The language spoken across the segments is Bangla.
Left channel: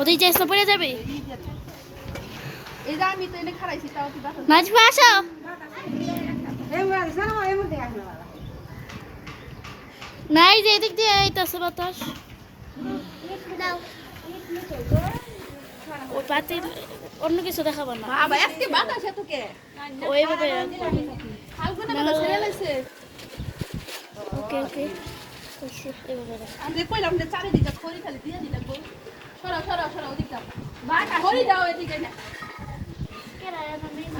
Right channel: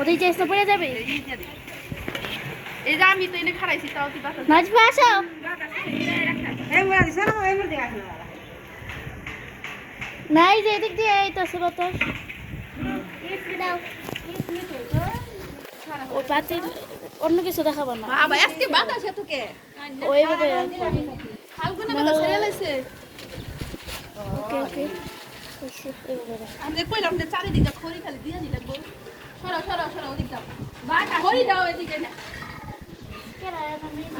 ওদের চেষ্টা পড়ে যাবে। এই যে আমি তো এনে খারাইছি তাও তুই বাসা নাজবা আসো। নাই যে এদিক দিয়ে এইতেছে বাতাস। ও পাতি অন্য কিছু দেখাবো না। বাবা আজকে বাতাস এতকে ওইভাবে হালকা না ছেড়ে লাইছে। ওকে ওকে আমি কইলাম যে চারিদিকে খড়ি খালি দিয়ে দিলা গো। সরা সরা সরা ওদিক দাও। বাটা খড়ি দাও এদিকে না।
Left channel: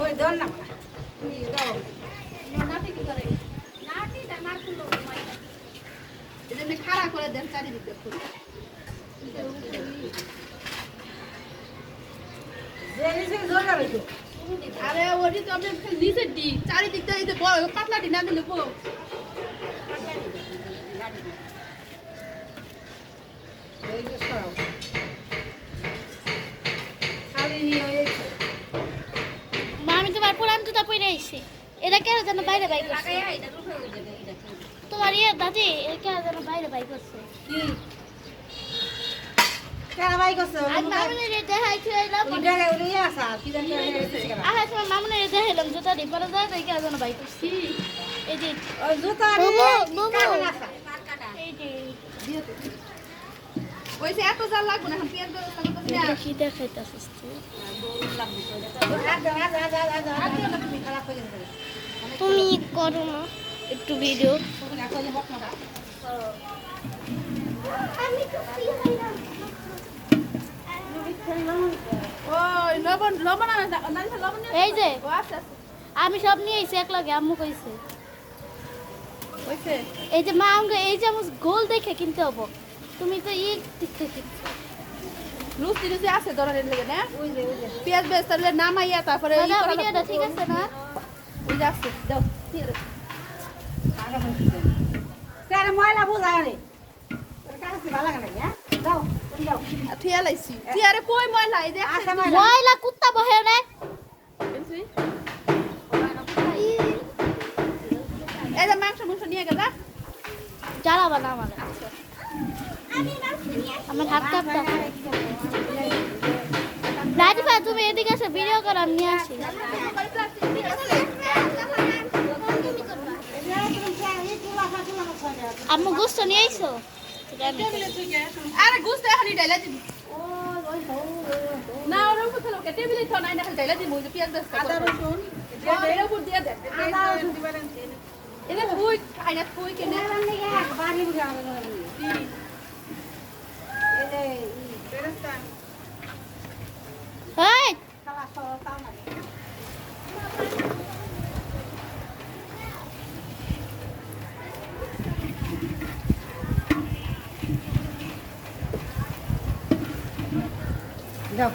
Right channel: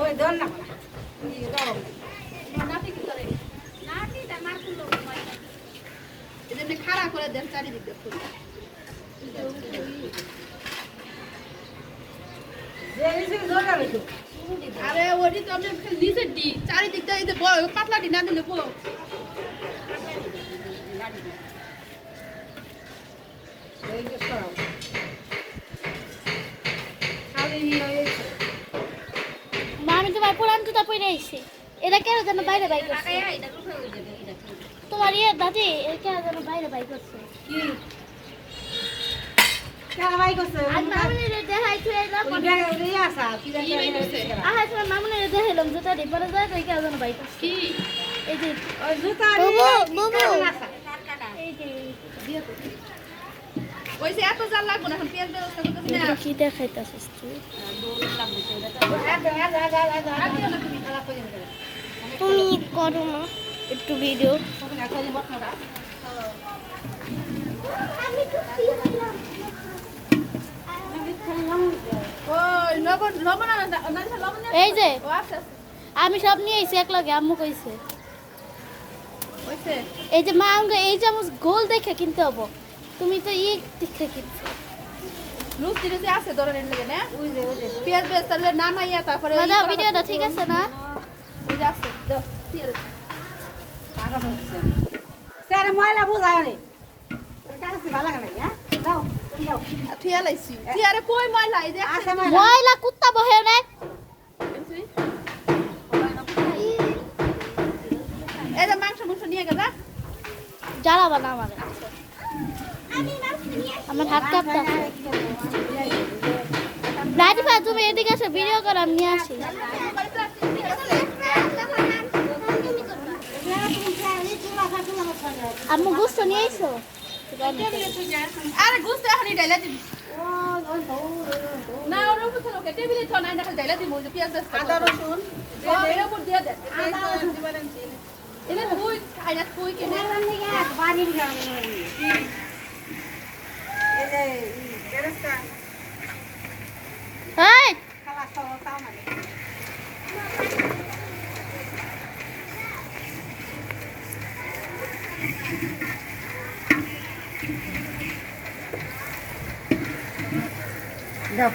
ওই দন না। দাও। নাতি কি করে? নাতি তা মার কুলো মাই। এটা নে খাড়া করে দেন চারিদিকে খড়ি। আরে ওটি তো আপনি নিচে দি চারিদিকটা এই যে বড় পাতলা দি না দিলে বড় এই যে সব মা আমি তোমার পুরান জুতা পরে আইছি। এটা কেন যেন বাইরে বাইক করছে তোমার ইয়ে দাদি এটা কেন যেন বাইরে বাইক করছে কি কারাবাই করছে মামুনের দেখাই থুইলাম ওই জায়গা ওই আসা কি জানি আহা তোমার মামুনের দেখাইলাম জুতা দি পরে যায় তাই কেন যেন বাইক করছে কি এই যে ওই জুতা মোমো এই যে দিয়ে তো ওই যে এত জাল লাগবে না এখন পেঁয়াজ ব্যবস্থা করতে না কি দেখাইতাছিস তুই তুমি করো না একটু ভিডিও এই যে আমি সব নিয়ে আইছি এক লগে আম্মু কইছে এই যে মা আমাকে এই যে আমার গোল দেখে কিনতে হবো তুমি তো ই দেখে কিনছো রুচি রুচি আছে দৌড়ানোর লেগে না পেঁয়াজ বেস্তালে নামাইয়া তারপরে দাদা ভিডিওটা ঠিক আছে না ওই যে আছে দাও স্যার ময়লা বুঝায় রে কাছে ভালো লাগে না দাও দাও ঠিয়া লাইছি ঠিয়ারে কই ময়লা এই যে ময়লা কুত্তা বহে না এই যে মাংস নিয়ে গেল জ্বালাবা না আমার হাত কাঁপটা রাজিফা তুমি এদিকে এসে ভিডিও করো আমি নিয়ে আসি আম্মু গোস্ত নিয়ে আইছো আরে গোস্ত এখনই ডাইলা দিবি না ওর উপর থেকে টেবিলে তো নাই না ডাইলা দিবি ওই যে পেঁয়াজ আদা রসুন যে এর উপর দিয়ে দে আদা রসুন দিবেন এটা কই খাইনা কই কেনে বাড়ি যাবে এই যে বেরেস্তা এই খালা খাও তাও না দাও